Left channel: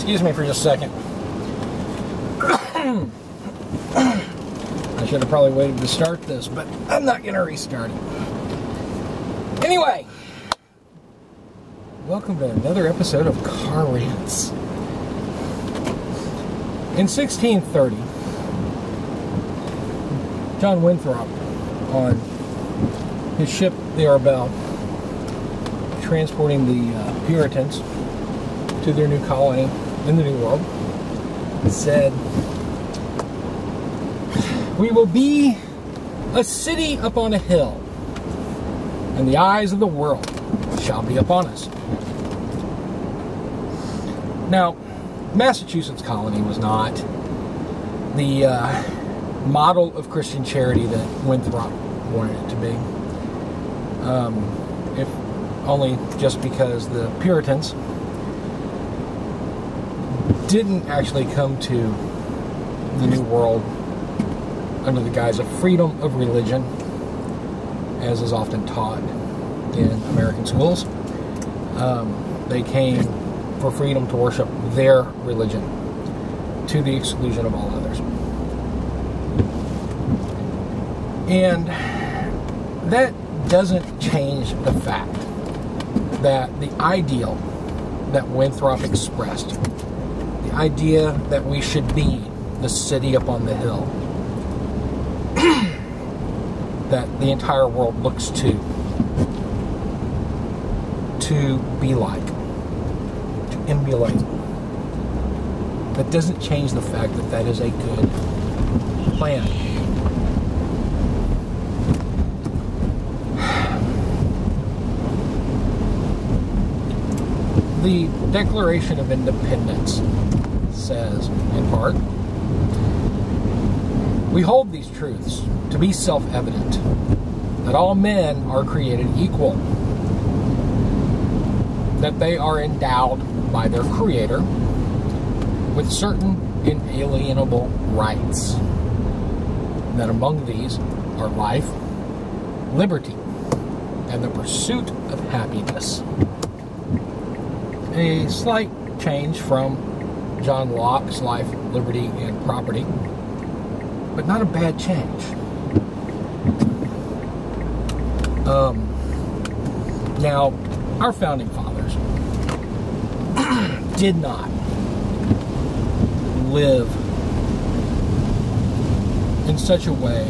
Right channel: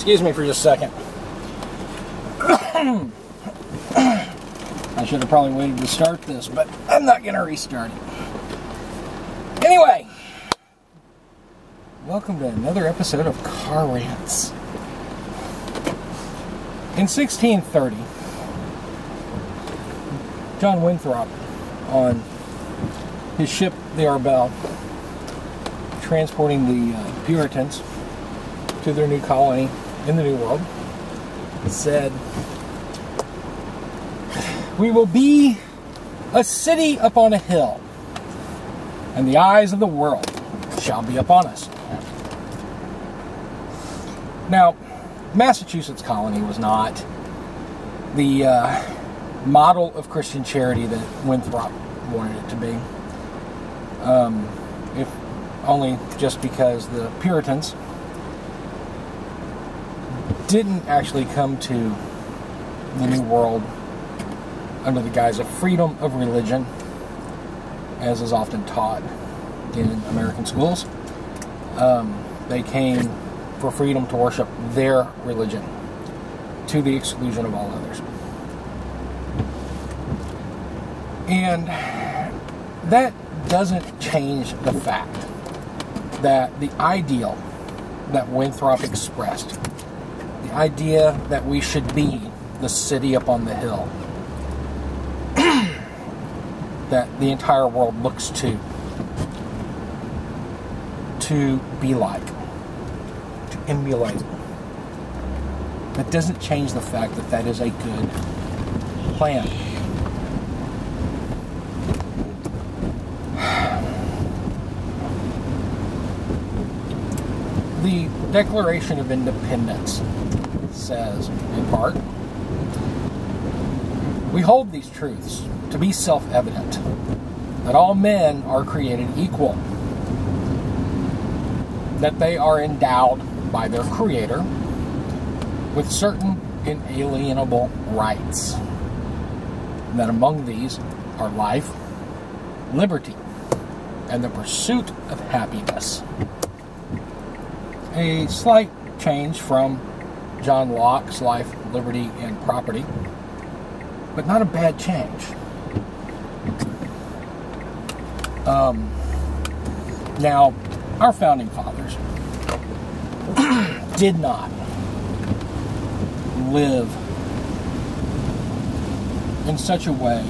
Excuse me for just a second. I should have probably waited to start this, but I'm not going to restart it. Anyway, welcome to another episode of Car Rants. In 1630, John Winthrop, on his ship, the Arbel, transporting the Puritans to their new colony in the New World, said, "We will be a city upon a hill, and the eyes of the world shall be upon us." Now, Massachusetts colony was not the model of Christian charity that Winthrop wanted it to be. If only just because the Puritans didn't actually come to the New World under the guise of freedom of religion, as is often taught in American schools. They came for freedom to worship their religion to the exclusion of all others. And that doesn't change the fact that the ideal that Winthrop expressed, the idea that we should be the city upon the hill, that the entire world looks to be like, to emulate, that doesn't change the fact that that is a good plan. The Declaration of Independence says, in part, "We hold these truths to be self-evident, that all men are created equal, that they are endowed by their Creator with certain inalienable rights, and that among these are life, liberty, and the pursuit of happiness." A slight change from John Locke's Life, Liberty, and Property, but not a bad change. Now, our founding fathers did not live in such a way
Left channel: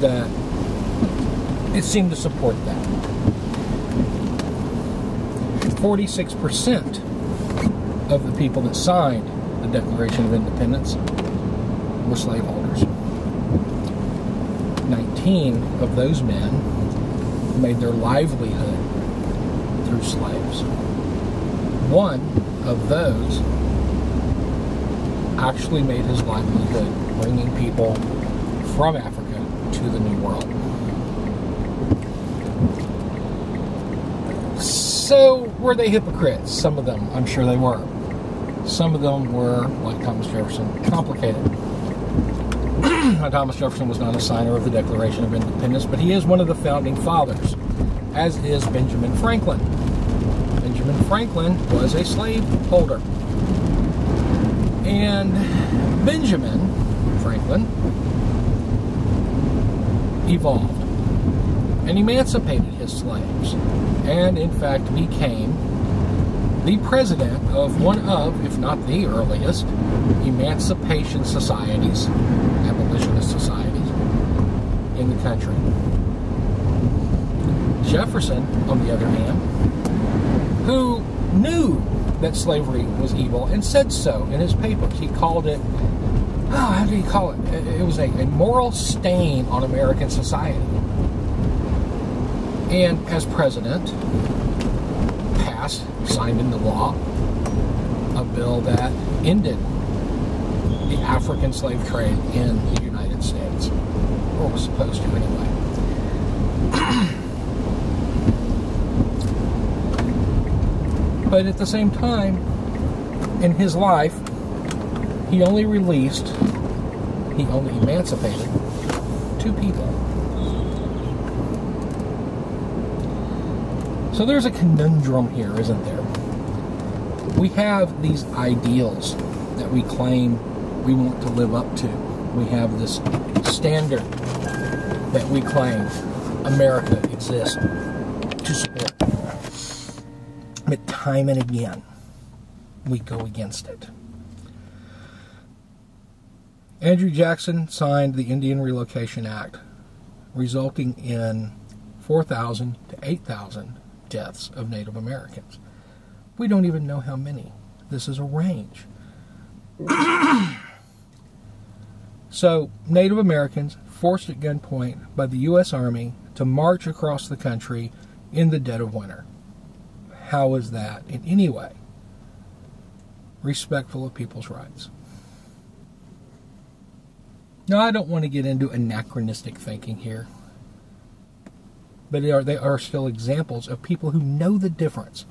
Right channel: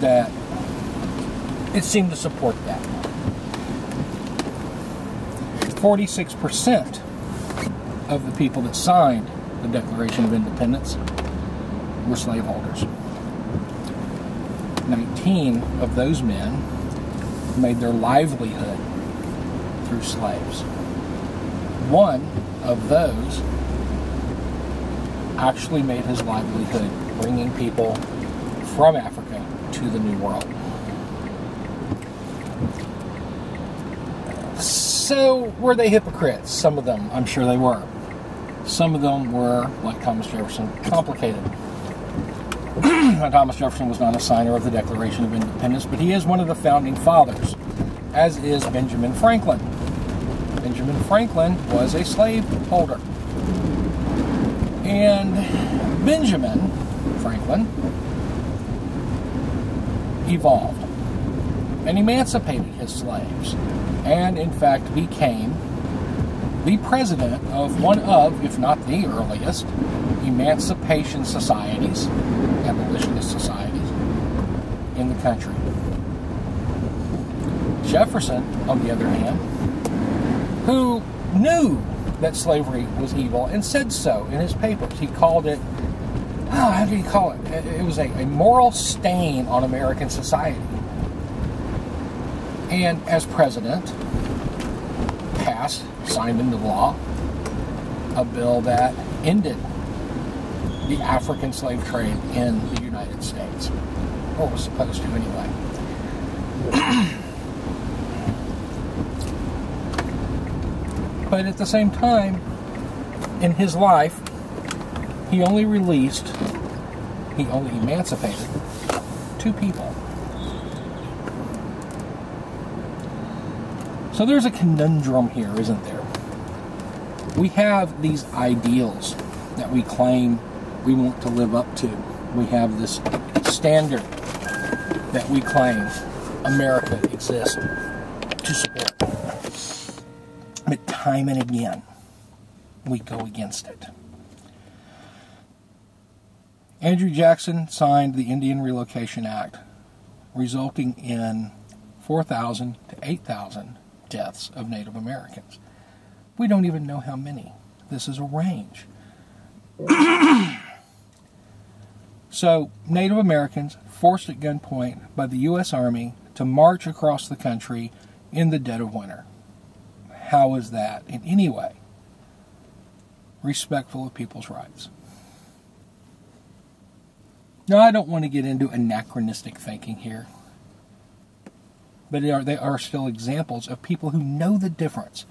that it seemed to support that. 46% of the people that signed the Declaration of Independence were slaveholders. 19 of those men made their livelihood through slaves. One of those actually made his livelihood bringing people from Africa to the New World. So, were they hypocrites? Some of them, I'm sure they were. Some of them were, like Thomas Jefferson, complicated. Thomas Jefferson was not a signer of the Declaration of Independence, but he is one of the founding fathers, as is Benjamin Franklin. Benjamin Franklin was a slaveholder. And Benjamin Franklin evolved and emancipated his slaves, and in fact became the president of one of, if not the earliest, emancipation societies, abolitionist societies, in the country. Jefferson, on the other hand, who knew that slavery was evil and said so in his papers. He called it, how do you call it? It was a moral stain on American society. And as president, signed into law a bill that ended the African slave trade in the United States, or was supposed to anyway. But at the same time, in his life, he only emancipated 2 people. So there's a conundrum here, isn't there? We have these ideals that we claim we want to live up to. We have this standard that we claim America exists to support. But time and again, we go against it. Andrew Jackson signed the Indian Relocation Act, resulting in 4,000 to 8,000 deaths of Native Americans. We don't even know how many. This is a range. So, Native Americans forced at gunpoint by the U.S. Army to march across the country in the dead of winter. How is that in any way respectful of people's rights? Now, I don't want to get into anachronistic thinking here, but they are still examples of people who know the difference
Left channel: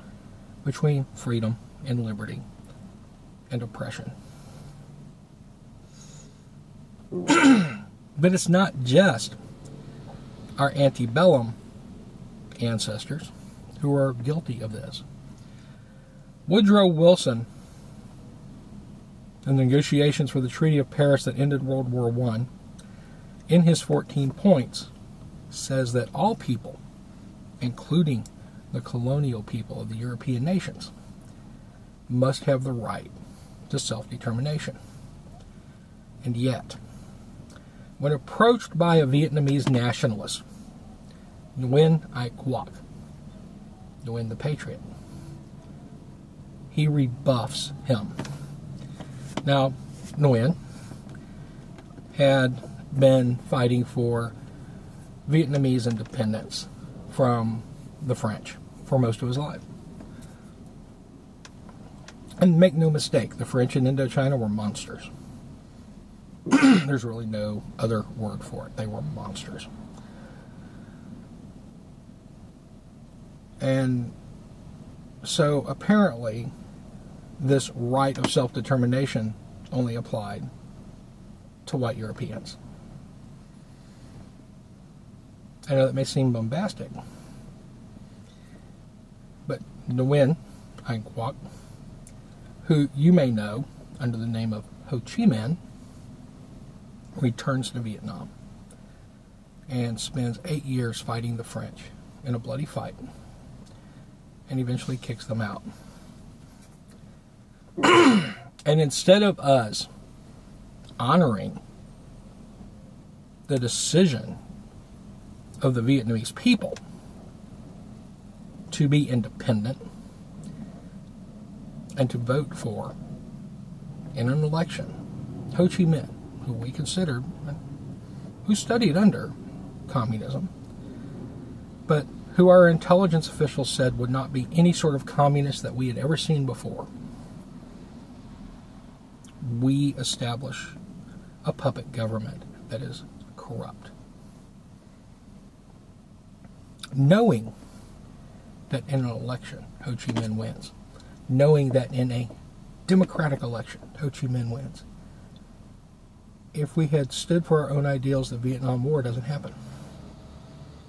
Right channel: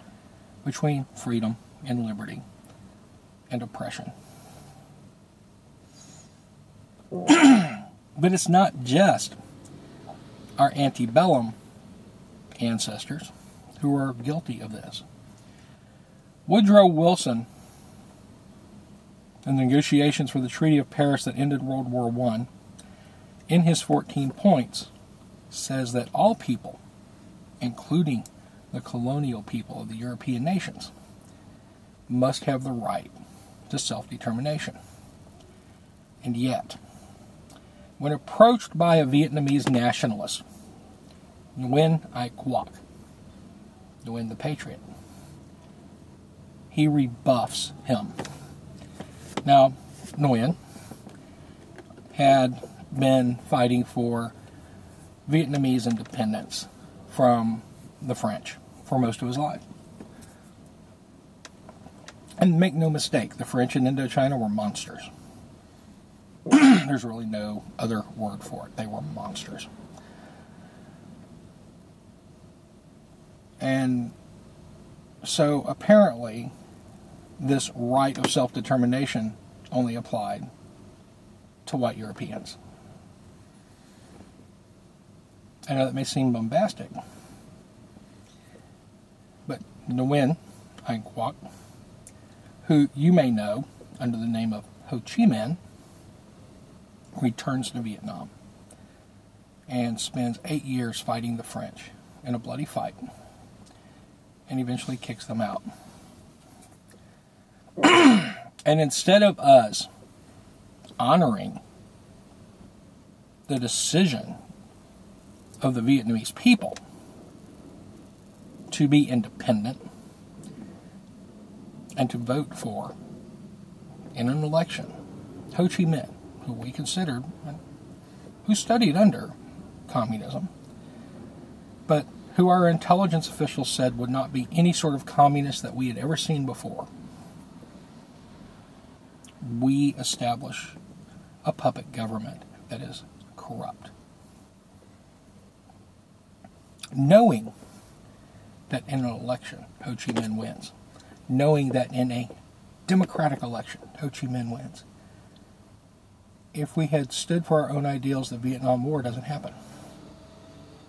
between freedom and liberty and oppression. But it's not just our antebellum ancestors who are guilty of this. Woodrow Wilson, in the negotiations for the Treaty of Paris that ended World War I, in his 14 points, says that all people, including the colonial people of the European nations, must have the right to self-determination. And yet, when approached by a Vietnamese nationalist, Nguyen Ai Quoc, Nguyen the Patriot, he rebuffs him. Now, Nguyen had been fighting for Vietnamese independence from the French for most of his life. And make no mistake, the French in Indochina were monsters. There's really no other word for it. They were monsters. And so apparently this right of self-determination only applied to white Europeans. I know that may seem bombastic, but Nguyen Ai Quoc, who you may know under the name of Ho Chi Minh, returns to Vietnam and spends 8 years fighting the French in a bloody fight, and eventually kicks them out. And instead of us honoring the decision of the Vietnamese people to be independent and to vote for, in an election, Ho Chi Minh, who we considered, who studied under communism, but who our intelligence officials said would not be any sort of communist that we had ever seen before, we establish a puppet government that is corrupt. Knowing that in an election, Ho Chi Minh wins. Knowing that in a democratic election, Ho Chi Minh wins. If we had stood for our own ideals, the Vietnam War doesn't happen.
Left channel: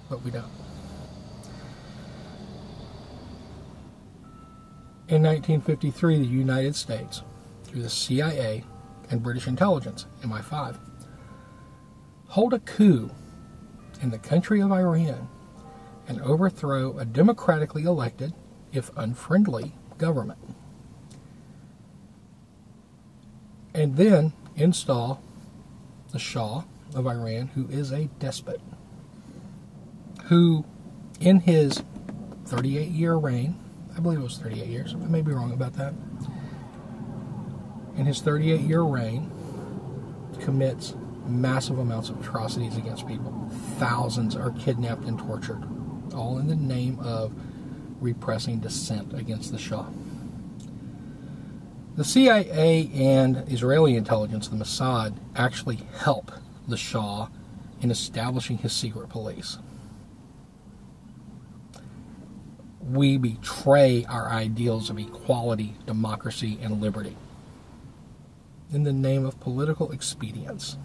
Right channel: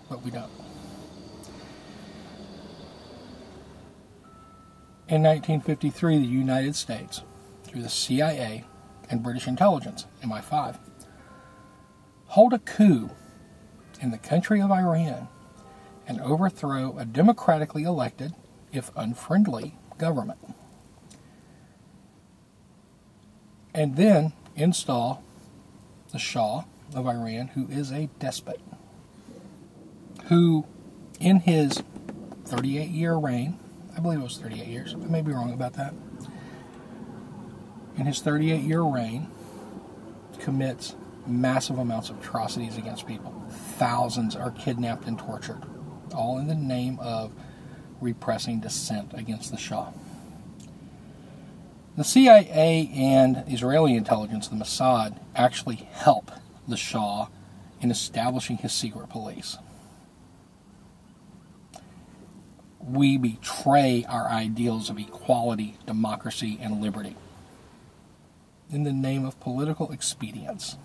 But we don't. In 1953, the United States, through the CIA and British intelligence, MI5, hold a coup in the country of Iran and overthrow a democratically elected, if unfriendly, government. And then install the Shah of Iran, who is a despot, who in his 38-year reign, I believe it was 38 years, I may be wrong about that, in his 38-year reign, commits massive amounts of atrocities against people. Thousands are kidnapped and tortured, all in the name of repressing dissent against the Shah. The CIA and Israeli intelligence, the Mossad, actually help the Shah in establishing his secret police. We betray our ideals of equality, democracy, and liberty in the name of political expedience.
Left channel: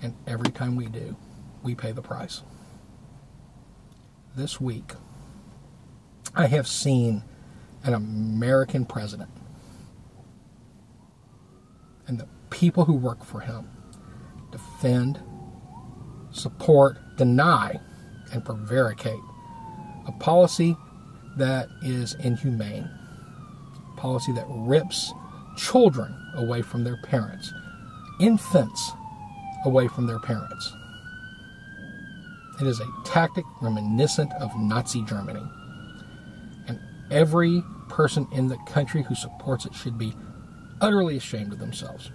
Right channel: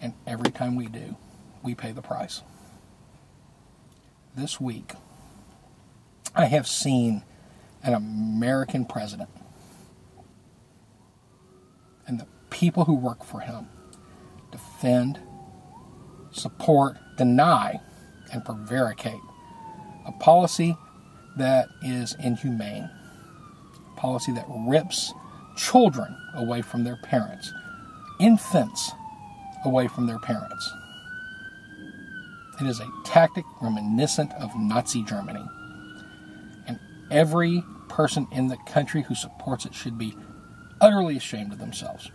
And every time we do, we pay the price. This week, I have seen an American president and the people who work for him defend, support, deny, and prevaricate a policy that is inhumane, a policy that rips children away from their parents, infants away from their parents. It is a tactic reminiscent of Nazi Germany. And every person in the country who supports it should be utterly ashamed of themselves.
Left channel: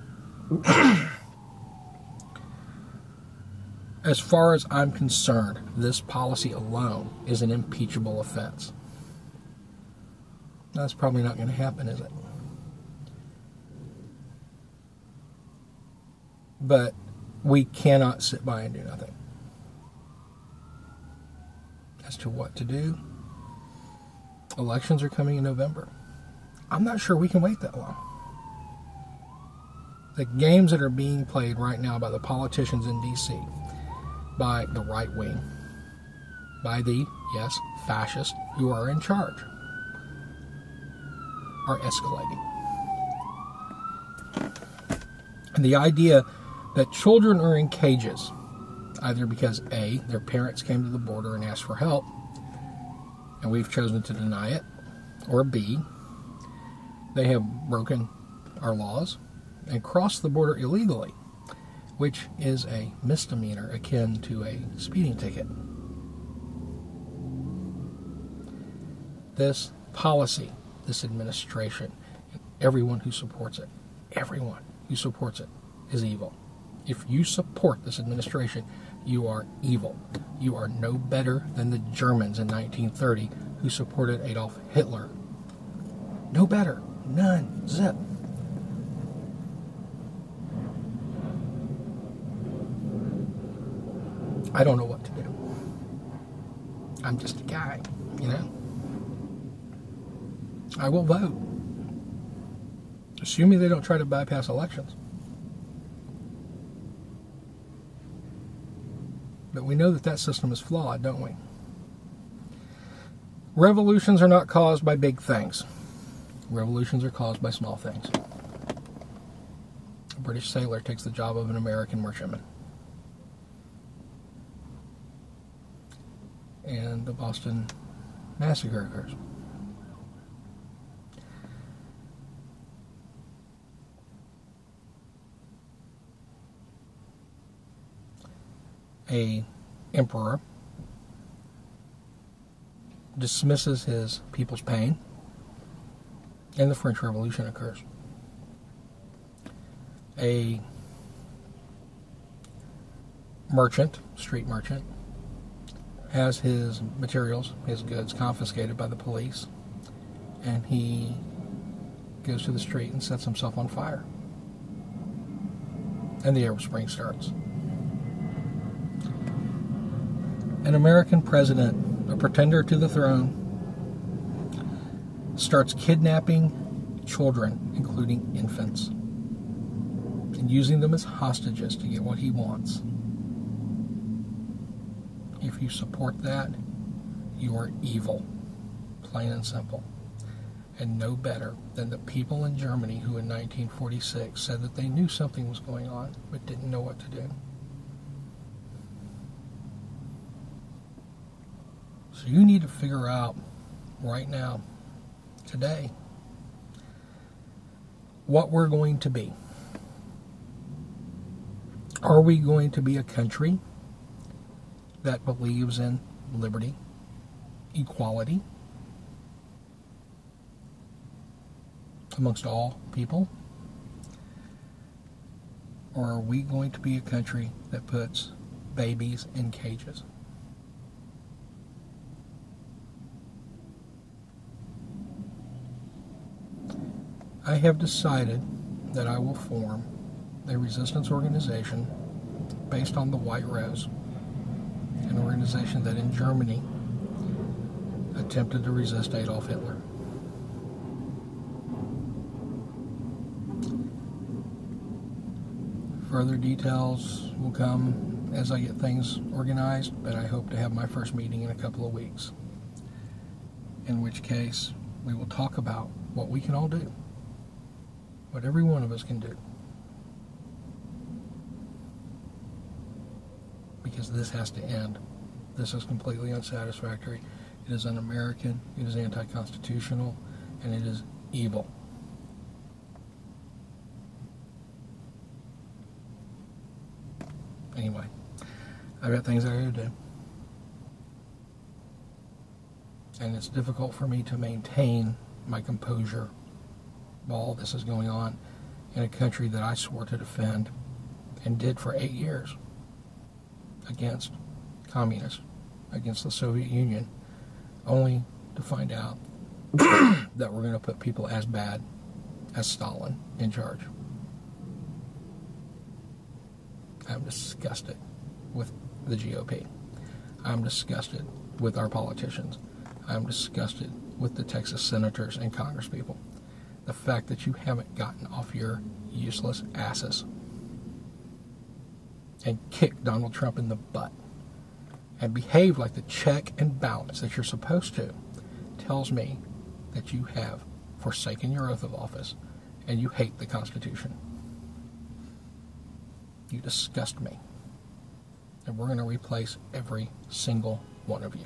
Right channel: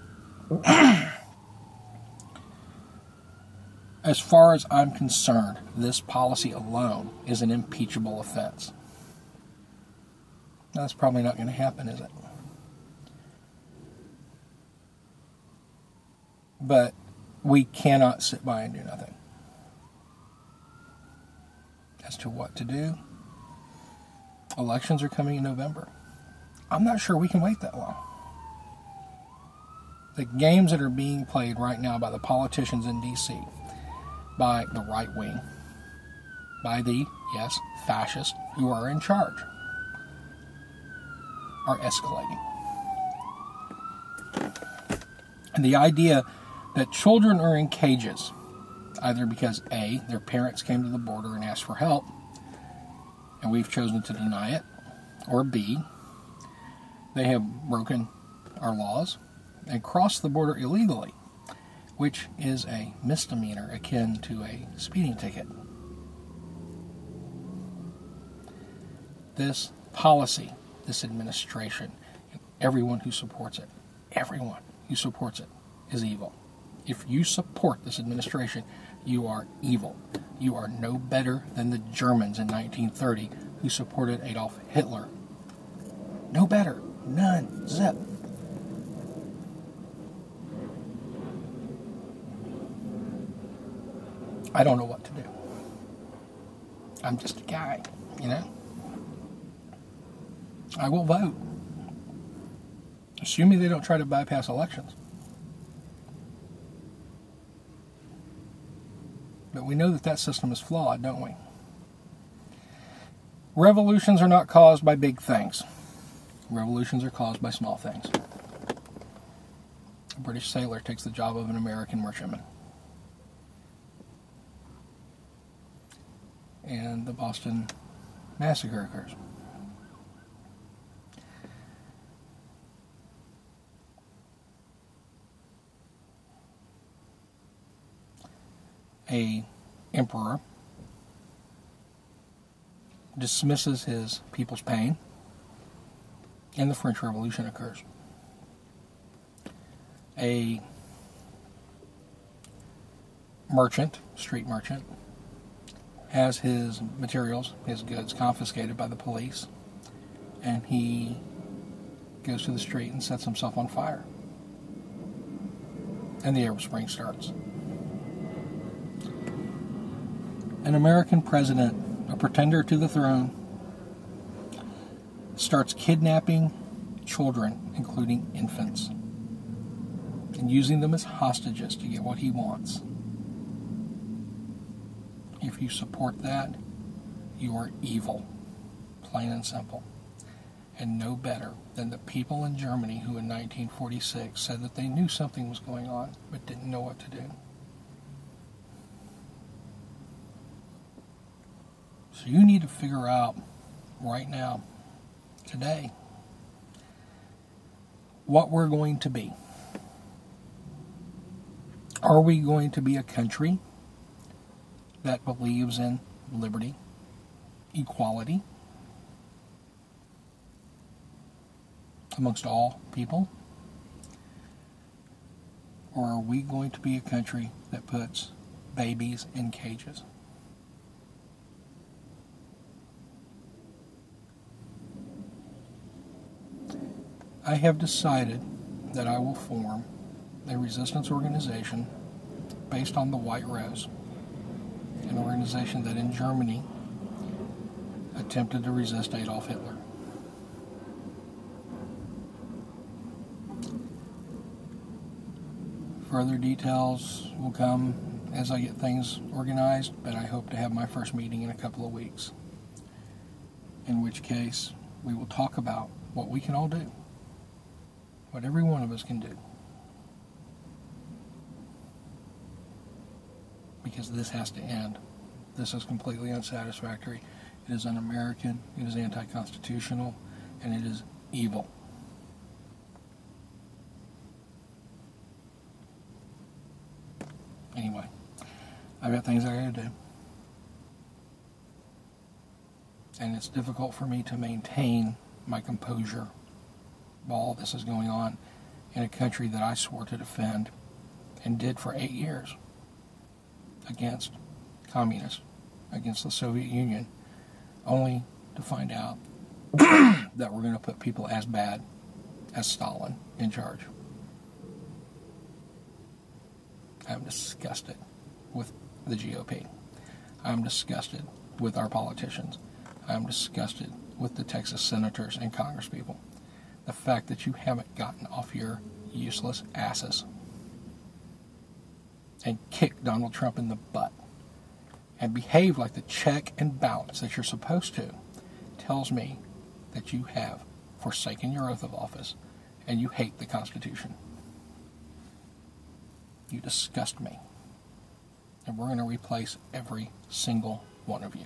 As far as I'm concerned, this policy alone is an impeachable offense. That's probably not going to happen, is it? But we cannot sit by and do nothing. As to what to do, elections are coming in November. I'm not sure we can wait that long. The games that are being played right now by the politicians in D.C., by the right wing, by the, yes, fascists who are in charge, are escalating. And the idea that children are in cages, either because A, their parents came to the border and asked for help, and we've chosen to deny it, or B, they have broken our laws and crossed the border illegally, which is a misdemeanor akin to a speeding ticket. This policy, this administration, and everyone who supports it, is evil. If you support this administration, you are evil. You are no better than the Germans in 1930 who supported Adolf Hitler. No better. None. Zip. I don't know what to do. I'm just a guy, you know? I will vote. Assuming they don't try to bypass elections. But we know that that system is flawed, don't we? Revolutions are not caused by big things. Revolutions are caused by small things. A British sailor takes the job of an American merchantman. And the Boston Massacre occurs. A emperor dismisses his people's pain, and the French Revolution occurs. A merchant, street merchant, has his materials, his goods confiscated by the police, and he goes to the street and sets himself on fire. And the Arab Spring starts. An American president, a pretender to the throne, starts kidnapping children, including infants, and using them as hostages to get what he wants. If you support that, you are evil, plain and simple, and no better than the people in Germany who in 1946 said that they knew something was going on but didn't know what to do. So you need to figure out right now, today, what we're going to be. Are we going to be a country that believes in liberty, equality amongst all people? Or are we going to be a country that puts babies in cages? I have decided that I will form a resistance organization based on the White Rose, an organization that in Germany attempted to resist Adolf Hitler. Further details will come as I get things organized, but I hope to have my first meeting in a couple of weeks, in which case we will talk about what we can all do, what every one of us can do. Because this has to end. This is completely unsatisfactory. It is un-American, it is anti-constitutional, and it is evil. Anyway, I've got things I gotta do. And it's difficult for me to maintain my composure while all this is going on in a country that I swore to defend and did for 8 years against communists, against the Soviet Union, only to find out that we're going to put people as bad as Stalin in charge. I'm disgusted with the GOP. I'm disgusted with our politicians. I'm disgusted with the Texas senators and congresspeople. The fact that you haven't gotten off your useless asses and kicked Donald Trump in the butt and behaved like the check and balance that you're supposed to tells me that you have forsaken your oath of office and you hate the Constitution. You disgust me. And we're going to replace every single one of you.